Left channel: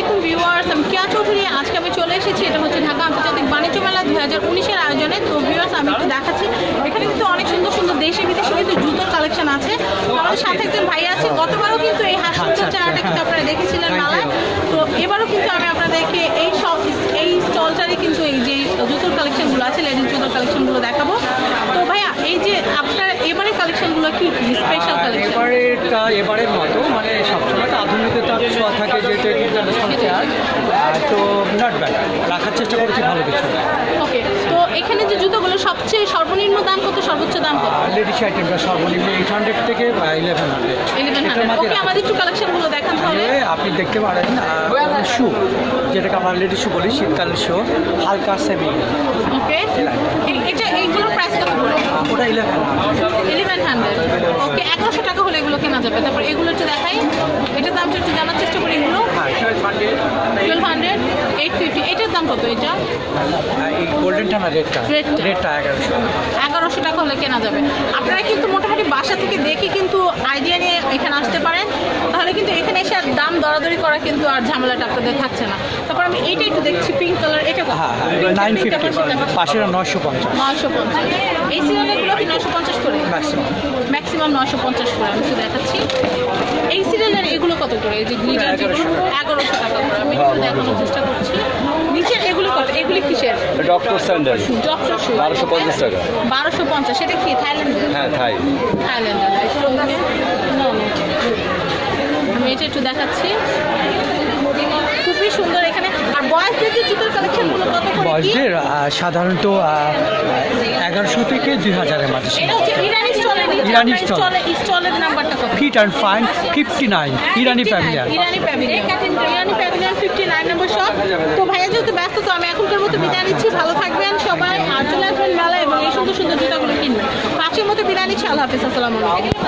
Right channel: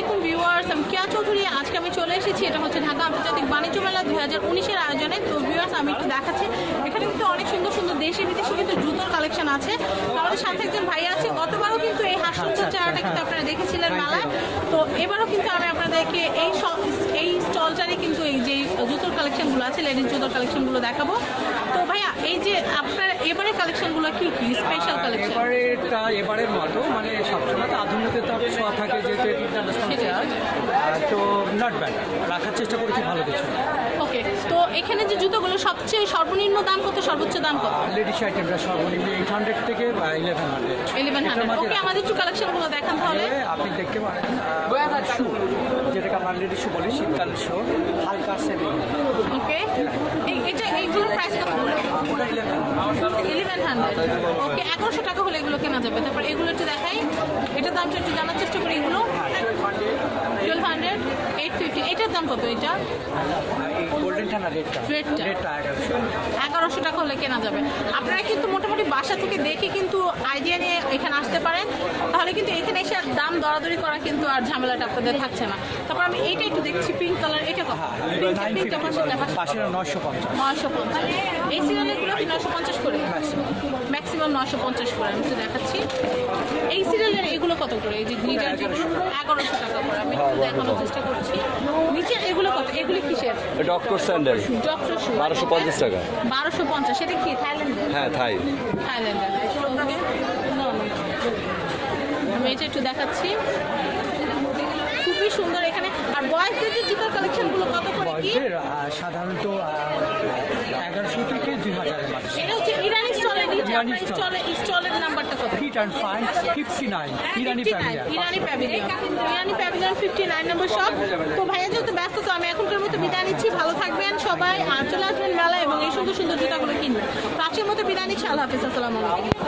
আলাইকুম ভিউয়ার্স, আমি কেয়া চৌধুরী। আজকে আমি চলে এসেছি, এটা হচ্ছে ঢাকা আন্তর্জাতিক বাণিজ্য মেলা 2019-এর আয়োজনে। তো ভিউয়ার্স, আমি একটু দেখাচ্ছি, এখানে কিন্তু অনেক সুন্দর সুন্দর দেশি বিদেশি কিন্তু জুতোর কালেকশন আছে। আমাদের সাথে একজন ভাই আছে, গতবারও কিন্তু এই হাসপাতাল চারাটা কিন্তু আপনারা দেখেছিলেন মেলায়। তো এবারও কিন্তু আমি আপনাদেরকে এই স্টলটারই কিন্তু এই যে জুতোর কালেকশনগুলো আছে, লেডিস জুতোর কালেকশনগুলো দেখাবো। তো ভাইয়া, এই যে আপনার এবারের কালেকশনগুলো কি স্পেশাল কালেকশন? এবারের মতো মানে সবসময় তো আধুনিকতার ছোঁয়া থাকে, যেহেতু ইন্টারন্যাশনাল ফেয়ার, তো নট ব্যাড, রাখার চেষ্টা করেছি ভালো কিছু। ওকে, তো এখানে যে জুতোগুলো সবচেয়ে সর্বনিম্ন দাম কত, সর্বোচ্চ দাম কত? লেডিস আইটেমটা সর্বনিম্ন 800 থেকে 1100। ওকে, আমাদের একটু কালেকশনগুলো দেখান তাহলে। আপনি দেখতে পারেন শু, যেটাকে আমরা লেডিস শু বলি, শীতকাল শু, হালকা সেমি। ওকে, এইগুলোর প্রাইস কত পড়ে? ওটা 1100। ওকে, 1100 টাকা হলে এগুলো কেনা যাবে। তারপর এগুলো একটু দেখাই, এটার দামটা একটু জানার চেষ্টা করি। এগুলো 1200, 850। এটার দাম কত? এটা গোল্ডেনটা না রেটটা 1100 টাকা হলে কেনা যাবে। আপনারা কিন্তু মোটামুটি বাসা থেকে দেখে কিন্তু আইডিয়া নিয়ে এখানে আসতে পারেন, তাহলে কিন্তু এখানে এসে আর দাম দরাদরি করা কিন্তু আর ঝামেলাটা আপনাদের থাকছে না। তারপর আমি এইটা একটু দেখছি, পিঙ্ক কালার, এটা কত? 950, পাশের 950। এই সিরিয়ালগুলো কি 950 করে? ম্যাক্সিমাম 950 করে। আমি একটু দেখাচ্ছি এই সিরিয়ালের এগুলো কত করে? এই যে গ্লিটার 1100 টাকা করে। আমি একটু দেখানোর চেষ্টা করছি। নিচের এগুলো কত? এগুলি কিসের? ডক্টর স্যান্ডেল, ডক্টর শু, 1250 টাকা। 1250। সেটা কি থাইল্যান্ডের? হ্যাঁ, থাইল্যান্ডের। আমি এটা একটু দেখাচ্ছি, খুবই সুন্দর এখানে। আর বয়সদের যে জুতোর কালেকশনগুলো কত করে? বয়সদের সাধারণত 1100 থেকে 2000-এর মাঝে। এটা হচ্ছে ইরানি স্টলের। স্টলের নাম্বারটা কত? ফিট অ্যান্ড ফাইন 59, ইরানি প্যাভিলিয়ন। 59 নম্বর শপ। তো ভাইয়া যেহেতু ব্যস্ত, তো আমি এখনকার মতো বিদায় নিচ্ছি। ভালো থাকবেন সবাই, আর চলে আসবেন মেলা এবং এই সুন্দর সুন্দর জুতাগুলো কিনবেন। 5-এর মতো বিদায় নিচ্ছি। আল্লাহ হাফিজ, আসসালামু আলাইকুম।